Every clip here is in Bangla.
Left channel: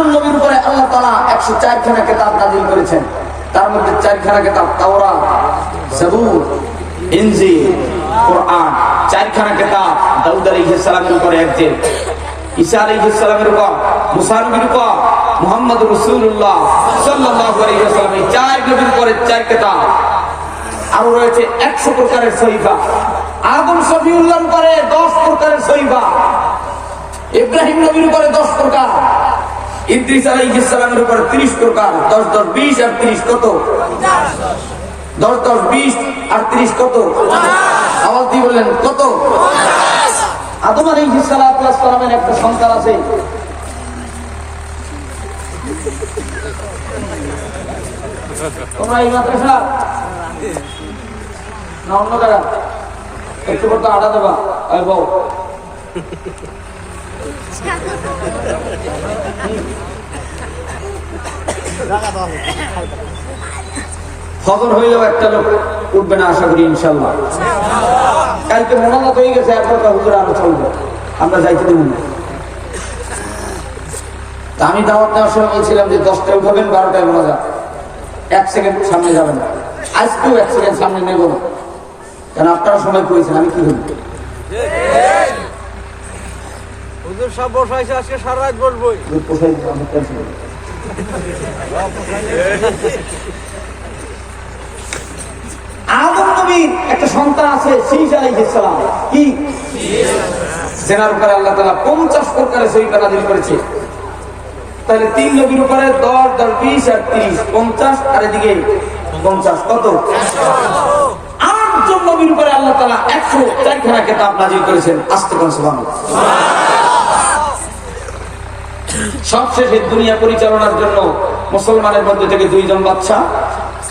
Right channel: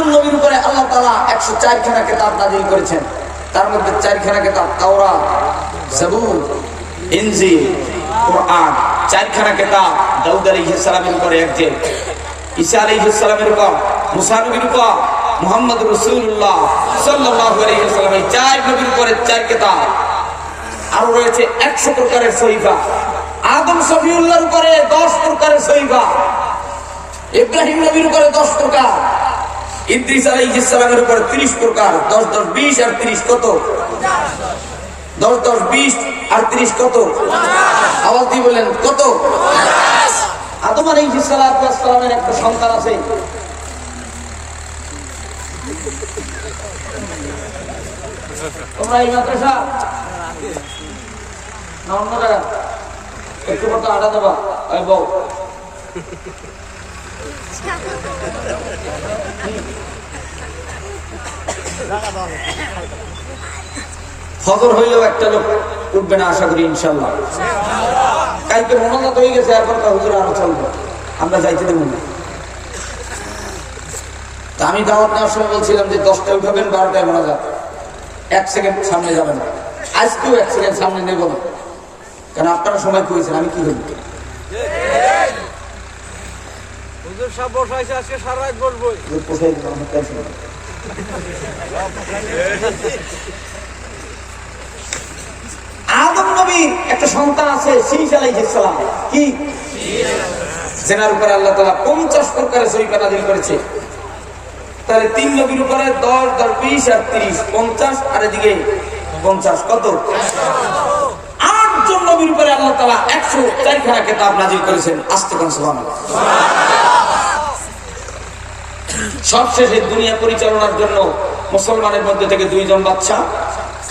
আটজন নবীর উপরে আল্লাহ তালা একশো চারখানা কেতাব নাজিল করেছেন। তার মধ্যে চারখানা কেতাব তাওরা জাবুর, ইনজিল, কোরআন, চারখানা কেতাব দাউদ আলাইহিস সালামের উপরে একজন ঈসা আলাইহিস সালামের উপর, মুসা নবীর উপর, মুহাম্মদ রাসূলুল্লাহ সাল্লাল্লাহু আলাইহি ওয়াসাল্লাম এই চার নবীর উপরে চার কেতাব। আরও রয়েছে একশো প্রকারের সহিফা। আদম সফিউল্লাহর উপরে দশ প্রকারের সহিফা। ইব্রাহিম নবীর উপরে দশ প্রকার। ইদ্রিস আলাইহিস সালামের উপরে ত্রিশ প্রকার, দশ দশ, বিশ আর ত্রিশ কত? দশ দশ, বিশ আর ত্রিশ কত? আওয়াজ দিয়ে বলেন, কত? আদম আলাইহিস সালামের একটা সন্তান আছে। তোমরা এই মাদ্রাসা? না, অন্য একটু মতো আডা দেবা। বউ খবর হইলেও একটা লোক উঠবে না, আশা করি ইনশাল্লাহ কালকে মনোনত হয়ে গেছে, এখন হুজুর আরও চলবে। আমরা যাইতে দেবো না। আমি দাওয়াত নেওয়ার সময় বলছিলাম যে দশটায় উঠাবেন, বারোটায় মনে যাবে। এক সেকেন্ড সামনে যাবেন আজকেও এক সেকেন্ড সামনে নেব না। কারণ আপনারা সময় করেছেন, আমি কি হইব আদম একটা সন্তান আছে কি? জেনার উপরে আল্লাহ তাআলা 50 প্রকারের সহিফা নাযিল করেছে। তাহলে তিন নবীর উপরে 10 10 20 আর 30 50 আর এদিকে 50 কত? আটজন নবীর উপরে আল্লাহ তাআলা 104 খানা করেছেন। আস্তে কোন সুবহানাল্লাহ। সবশেষে দুনিয়া পরিচালনার জন্য মুসলমানের মধ্যে থেকে দুইজন বাচ্চা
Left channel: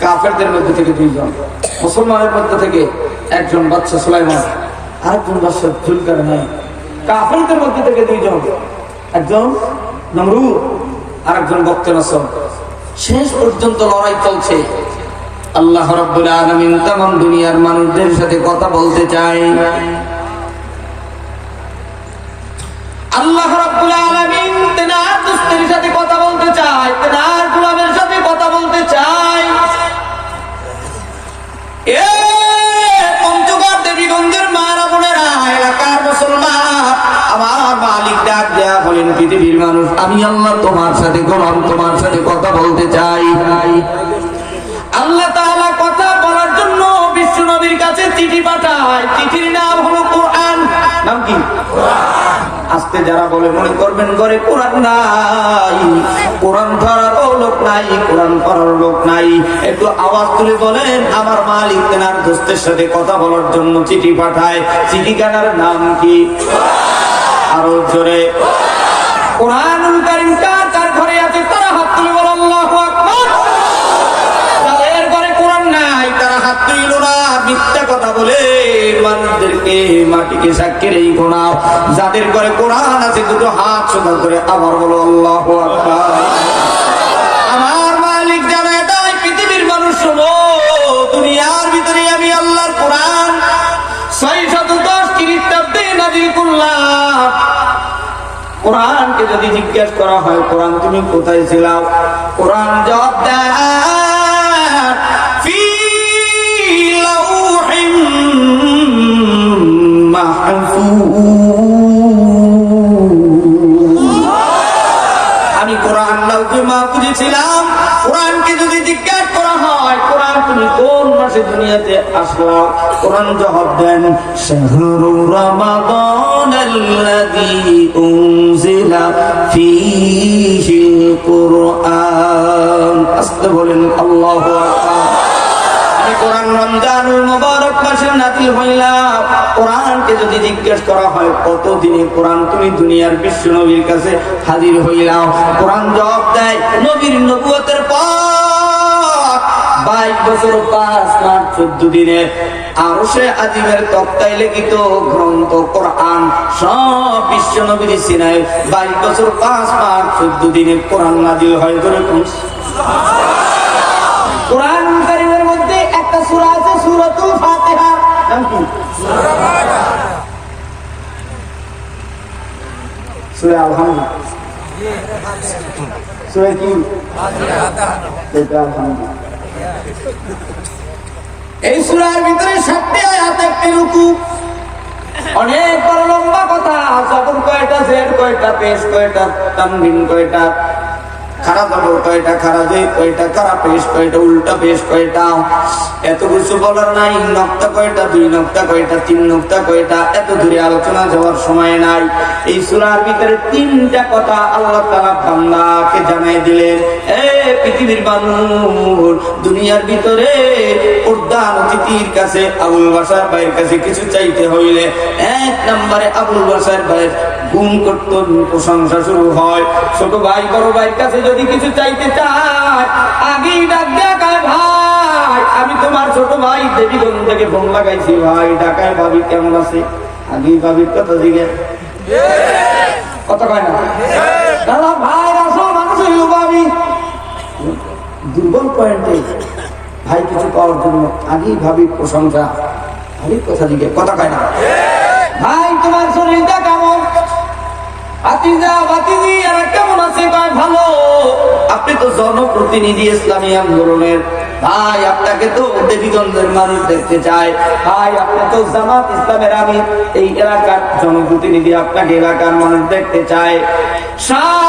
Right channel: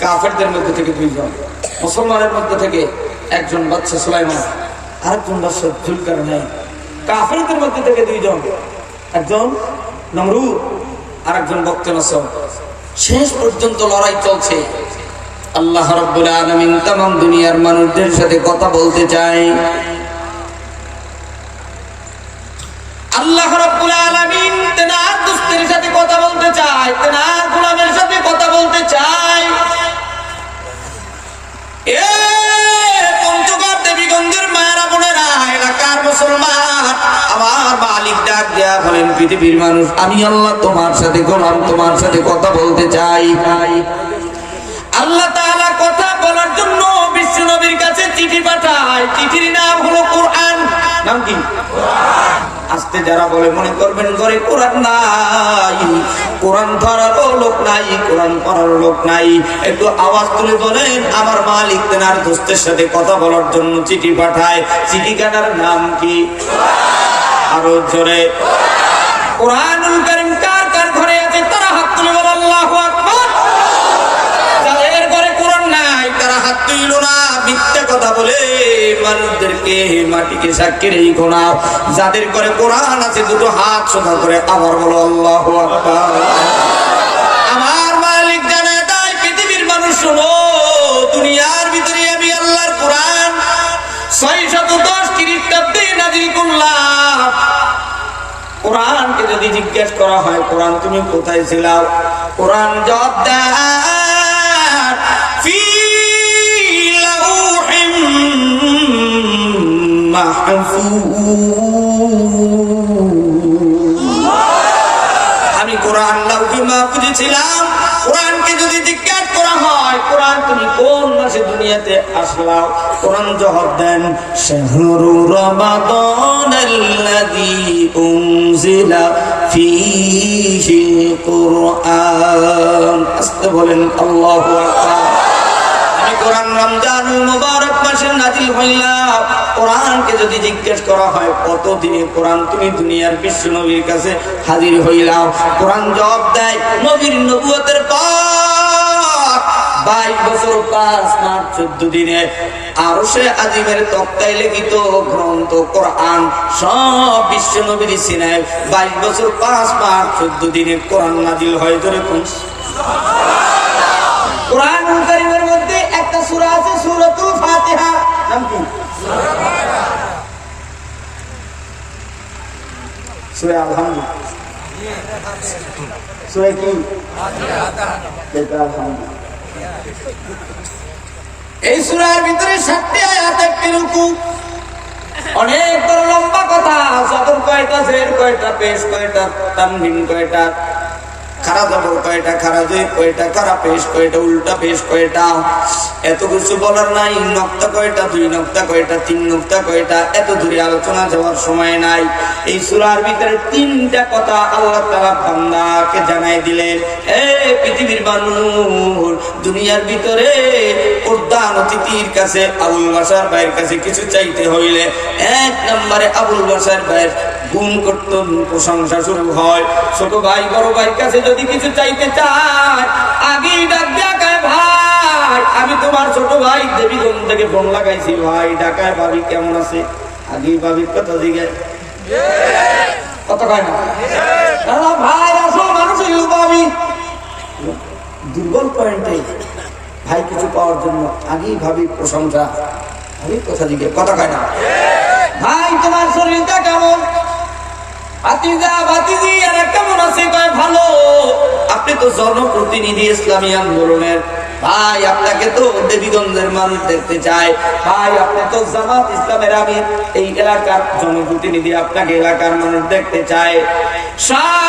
কাফেরদের মধ্যে থেকে দুইজন। মুসলমানের মধ্যে থেকে একজন বাচ্চা সুলাইমান, আরেকজন বাচ্চা জুলকার নেই কাফেরদের মধ্যে থেকে দুইজন। একজন নমরু আরেকজন বক্তে নসম শেষ পর্যন্ত লড়াই চলছে। আল্লাহ রব্বুল আলামিন তাম দুনিয়ার মানুষদের সাথে কথা বলতে চায়। আল্লাহ রাব্বুল আলামিন তেনার দুস্তের সাথে কথা বলতে চায় তেনার গোলামের সাথে কথা বলতে মানুষ। আমি সাথে কথা বলতে চাই। আল্লাহ কথা বলার জন্য বিশ্ব নবীর কাছে চিঠি পাঠায়। চিঠির নাম হলো কোরআন। নাম কি? আজকে যারা বলে মনে করবেন ঘরে কোরআন নাই। কোরআন ধরারও লোক নাই, কোরআন পড়ার লোক নাই। একটু আওয়াজ তুলে বলেন, আমার মালিক তেনার দোস্তের সাথে কথা বলার জন্য চিঠি পাঠায়। চিঠিখানার নাম কি? আরও জোরে। কোরআনুল কার কার ঘরে আছে তারা হাত তুলে বলে, আল্লাহু আকবার। ঘরে কোরআন নাই, তারা হাত তুইল না, মিথ্যা কথা বলে। মানুষদেরকে মাটিকে সাক্ষী এই গোনা যাদের ঘরে কোরআন আছে, দুটো হাত সোজা করে আবার বলো, আল্লাহ আমার মালিক জানায় তাই পৃথিবীর মানুষ শোনো দুনিয়ার ভিতরে আমি আল্লাহর কোরআন। ছয় শত দশ খ্রিস্টাব্দে নাজিল করলাম। কোরআনকে যদি জিজ্ঞেস করা হয়, কোরআন, তুমি কোথায় ছিলাম কোরআন জবাব দেয় আমি কোরআন লাউকে মাহফুজে ছিলাম। কোরআনকে যদি জিজ্ঞাসা করা হয়, কোরআন তুমি কোন মাসে দুনিয়াতে আসলাম কোরআন জবাব দেন আমি কোরআন রমজানুল মুবারক মাসে নাজিল হইলাম। কোরআনকে যদি জিজ্ঞেস করা হয় কত দিনে কোরআন তুমি দুনিয়ার বিশ্ব নবীর কাছে হাজির হইলাও? কোরআন জবাব দেয়, নবীর নবুয়তের পর। বাইশ বছর পাঁচ মাস, চোদ্দ দিনে। আরও সে আজিমের তক্তায় লিখিত গ্রন্থ, কোরআন, সব বিশ্ব নবীর সিনায়। বাইশ বছর পাঁচ মাস, চোদ্দ দিনে কোরআন নাজিল হয় ধরে কোরআন কারিমের মধ্যে একটা সূরা আছে, সূরাতুল ফাতিহা। নাম কি? সূরা আলহামদুলিল্লাহ। সুরে কি। এই সুরার ভিতরে ষাটটি আয়াত, একটি রুকু। অনেক বড় লম্বা কথা সদর কয়টা, জের কয়টা, পেশ কয়টা তানবিন কয়টা খারা জবর কয়টা খারা জের কয়টা খারা পেশ, কয়টা উল্টা পেশ, কয়টা এত কিছু বলার নাই, নক্তা কয়টা, দুই নক্তা কয়টা, তিন নক্তা কয়টা, এত দূরে আলোচনা যাওয়ার সময় নাই। এই সুরার ভিতরে তিনটা কথা আল্লাহ তালা বান্দাকে জানাই দিলেন। এ পৃথিবীর মানুষ, দুনিয়ার ভিতরে প্রধান অতিথির কাছে আবুল বাসার ভাইয়ের কাছে কিছু চাইতে হইলে এক নম্বরে আবুল বাসার ভাইয়ের গুণ কর্তন প্রশংসা শুরু হয়। ছোট ভাই, বড় ভাইয়ের কাছে যদি কিছু চাইতে চায়। আগেই ডাক ডাকায় ভাই। আমি তোমার ছোট ভাই দেবীগঞ্জ থেকে ফোন লাগাইছি। ভাই ঢাকায় ভাবি কেমন আছে? আগেই ভাবির কথা দিকে কথা কয় না? দাদা, ভাই, আসো মানুষ হইল ভাবি। দুর্বল পয়েন্টে ভাই কিছু পাওয়ার জন্য আগেই ভাবি প্রশংসা ভাই কথা দিকে কথা কয় না? ভাই, তোমার শরীরটা কেমন জনপ্রতিনিধি ভাই, আপনাকে তো মানুষ দেখতে ভাই এই এলাকার জনপ্রতিনিধি আপনাকে এলাকার মানুষ দেখতে চায়। শাশুড়ি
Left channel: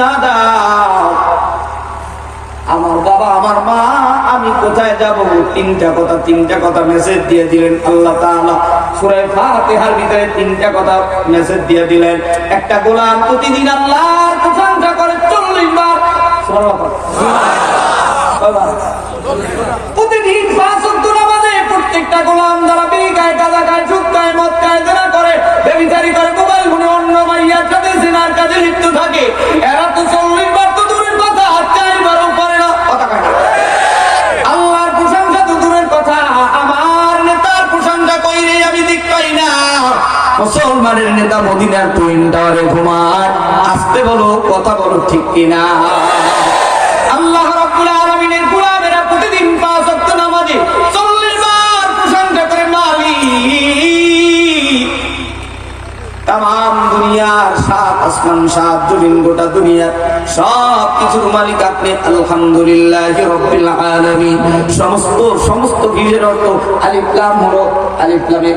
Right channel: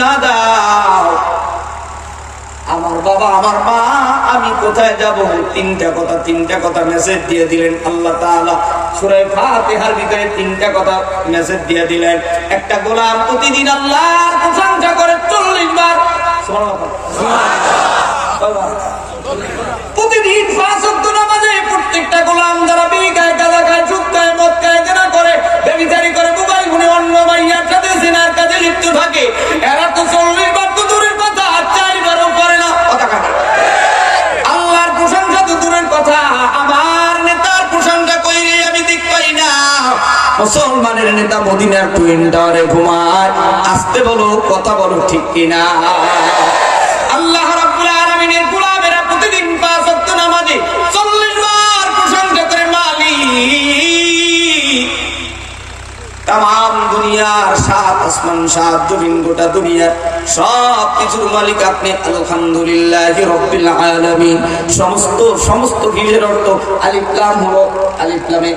না দাও। আমার বাবা, আমার মা, আমি কোথায় যাব? তিনটা কথা তিনটা কথা মেসেজ দিয়ে দিলেন আল্লাহ তাআলা। সূরা ফাতিহার ভিতরে তিনটা কথা মেসেজ দিয়ে দিলেন। একটা গোলাম প্রতিদিন আল্লাহর প্রশংসা করে চল্লিশ বার। সুবহানাল্লাহ। প্রতিদিন পাঁচ ওয়াক্ত নামাজে প্রত্যেকটা গোলাম যারা বিড়ি গাঁজা খায় সুদ খায়, মদ খায় যারা করে, বেবিচারি করে, মোবাইল ফোনে অন্য মাইয়ার থাকে, এরা তো চল্লিশ বার তো দূরের কথা চারবারও করে না। কথা আল্লাহর প্রশংসা তো দূরের কথা, আমার নেতার প্রশংসা কইরে আমি দিক পাই না। মুসলমানের নেতা মদিনার টুইন টাওয়ারে ঘুমায়, আসতে বলো, কথা বলো ঠিক কিনা? গোটা দুনিয়ার সব কিছুর মালিক আপনি। আলহামদুলিল্লাহ সমস্ত সমস্ত হিলের অর্থ আলিফলাম হলো আলিফলামে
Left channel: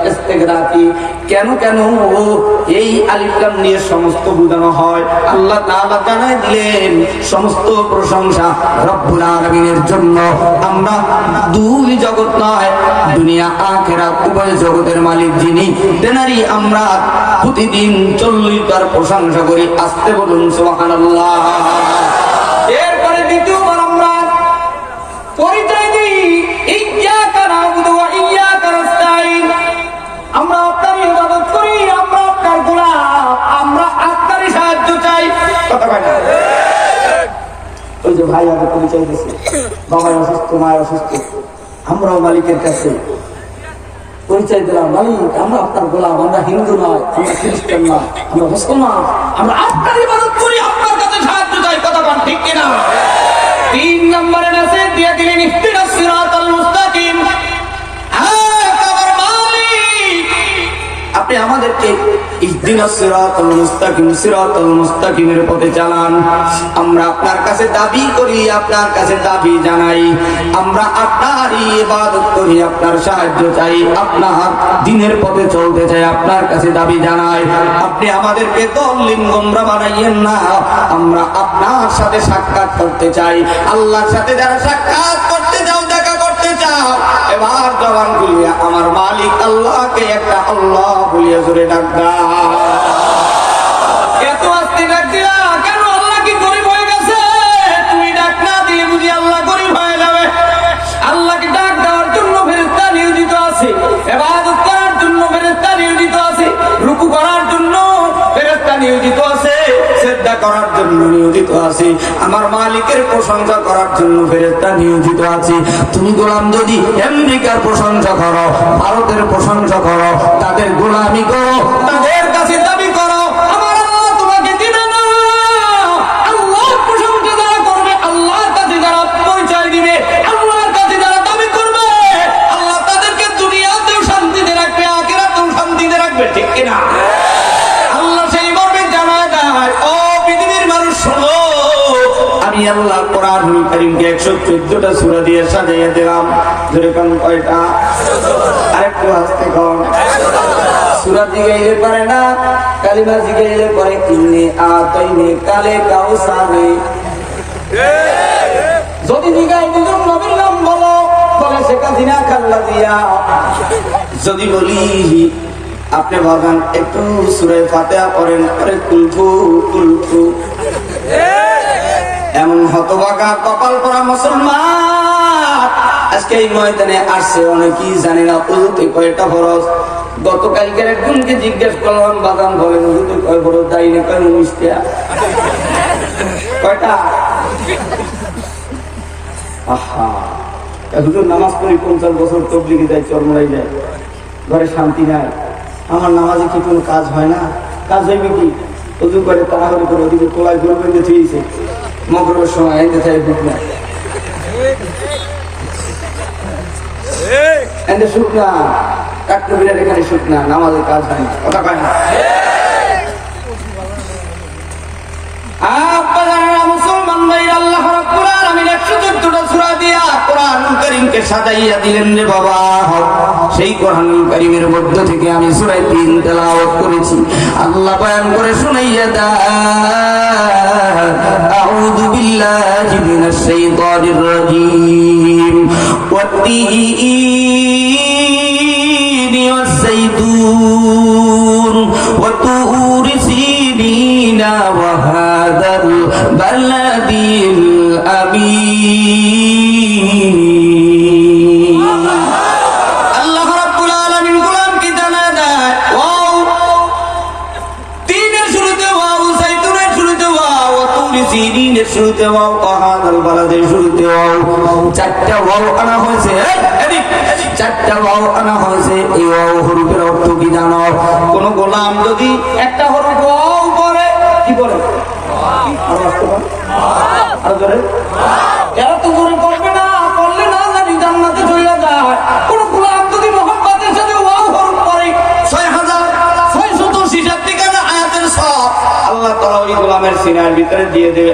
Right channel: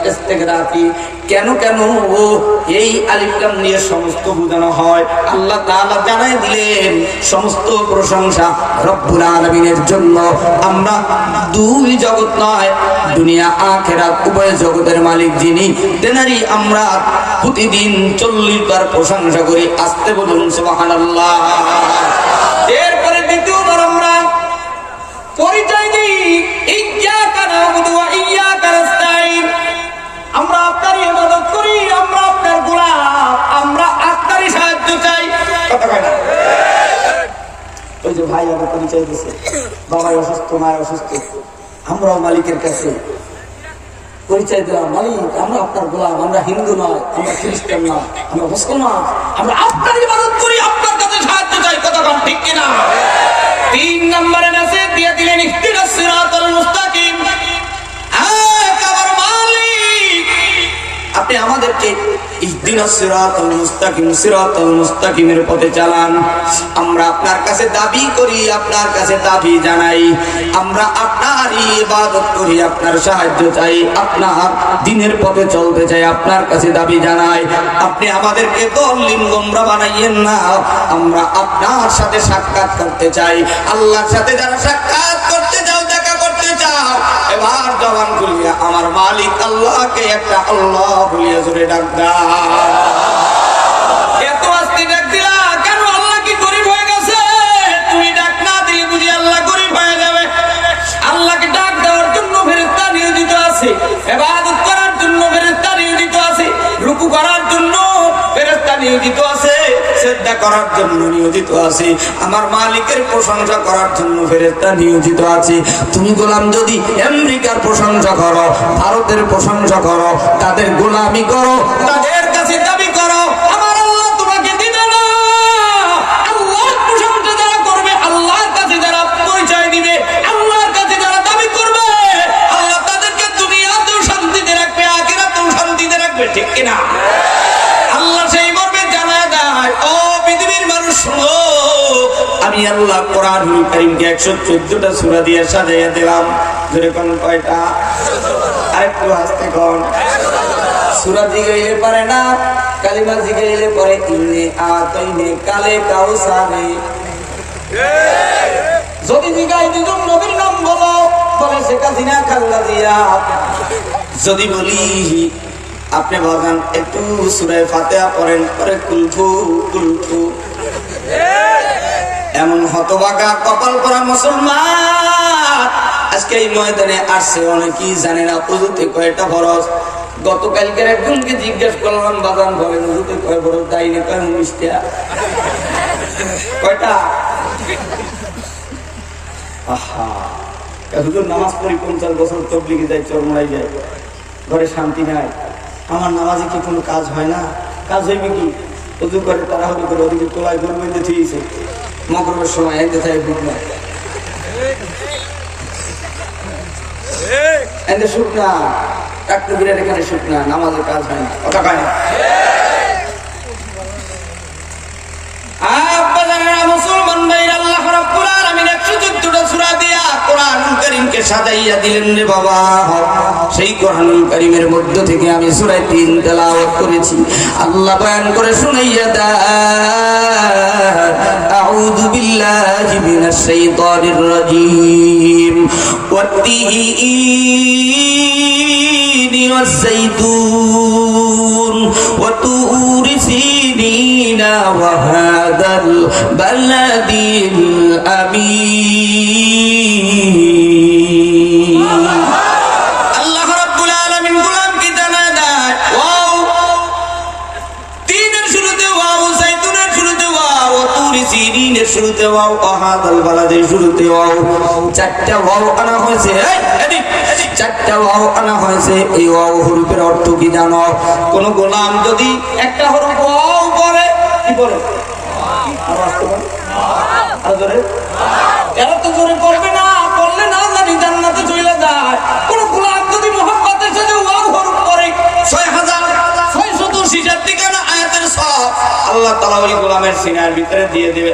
কেন কেন? ও, এই আলিফলাম নিয়ে সমস্ত বোঝানো হয়। আল্লাহ জানাই দিলেন, সমস্ত প্রশংসা রব্বুল আলামিনের জন্য। আমরা দুই জগৎ নয়, দুনিয়া, আখেরাত, উভয় জগতের মালিক যিনি, তেনারই আমরা প্রতিদিন চল্লিশ বার প্রশংসা করি, আসতে বলুন এরপরে আমরা পরিচয় দিই নাস্তাঈন। আমরা আমরা আমরা সাহায্য চাই। ওই যে ভাই আগে পরিচয় দিছে বাবাই অসুস্থ মায় অসুস্থ, আমরাও মালিকের কাছে পরিচয় দিলাম মালিক আমরা আপনার গোলাম, আমরা হিন্দু নয়, আমরা খ্রিস্টান নয়, আমরা মুসলমান, আমরা আপনার ইবাদত করি, আপনার কাছে সাহায্য চাই। কথা ঠিক কিনা? তিন নম্বরে সাহায্য চাই, আপনার দিনের পথে চলতে চাই, আপনার কাছে দাবি জানাই। আপনি আমাদেরকে দলিন গোমরা বানাইয়েন না। আমরা আপনার সাথে সাক্ষাৎ করতে চাই। আল্লাহর সাথে যারা সাক্ষাৎ করতে চাও এবার জবান খুলিয়া আমার মালিক আল্লাহকে একটা আল্লাহ বলিয়া জুড়ে ডাক শ্রদ্ধা করার জন্য নিয়োজিত আছে। আমার মালিকের প্রশংসা করার জন্য ফেরেস্তা নিয়োজিত আছে। তুমি গোলাম যদি আমেরিকার প্রশংসা করো, ভারতের প্রশংসা করো, তাদের গোলামি করো, তাদের করিমকে একশো চোদ্দটা সুরা দিয়ে সাজাইয়া দিলাম। যেরকম কয়টা? আরেকটু হাসতে কন। সুরা পারে না, কালিমা পারে ইন্নে কালে কাউসারে যদি দুজন নবীর নাম বলো শেখ হাসিনা খাল্লা দিয়া। যদি বলি, আপনি বাগান একটু সুরে ফাতেহা পড়েন, পরে কুলফু কুলফু। এমন হতবাগা কপাল করা মুসলমান। আজকে এই ময়দানে আসছে অনেকেই জানে না পুজোতে কয়টা ফরজ? গতকালকের একজনকে জিজ্ঞেস করলাম বাগান বলেন হুজুতে কয় বড় যাইনি কয় উনিশটা কয়টা? আহা। হুজুর, নামাজ পড়ি পঞ্চাশ বছর তবলিগে যায় চরমরাই যায়। ঘরে শান্তি নাই। আমার নামাজে কি কোনো কাজ হয় না? কাজ হইবে কি? হুজুর করে তাড়াহুড়ো করে ওদিকে তোলায় গরু বেঁধে সময় চাই বুক না এনে সুখ না বিরাট এখানে সুখ না নামাজের কাজ হয় না, কথা কয় না। মুসলমান ভাইরা আল্লাহ রাব্বুল আলামিন 114টা সূরা দিয়া কোরআনুল কারীমকে সাজাইয়া দিলেন রে বাবা। সেই কারীমের মধ্য থেকে আমি সূরা 3 তেলাওয়াত করেছি। আল্লাহ বয়ান করে শুনাইয়া দেন أعوذ بالله من الشيطان الرجيم والتين والزيتون وطور سينين وهذا البلد الأمين শুরুতে ওয়াও আহাদাল বালাদের শুরুতে ওয়াও। চারটা ওয়াও আনা হয়েছে চারটা ওয়াও আনা হয়েছে, এই ওয়াও হরফের অর্থ কি জানো? কোন গোলাম যদি একটা হরফ ওয়াও করে, কি করে? আর আসতে পারে? আর ধরে এরা তো করে করবে না করলে না জানি জান্নাতে চলে যায়। কোন গোলাম যদি মোহাম্মদের সাথে ওয়াও হরফ করে, ছয় হাজার, ছয় শিশার সব, আল্লাহ তালা ওই গোলামের সিনার ভিতরে দিয়ে দেবে।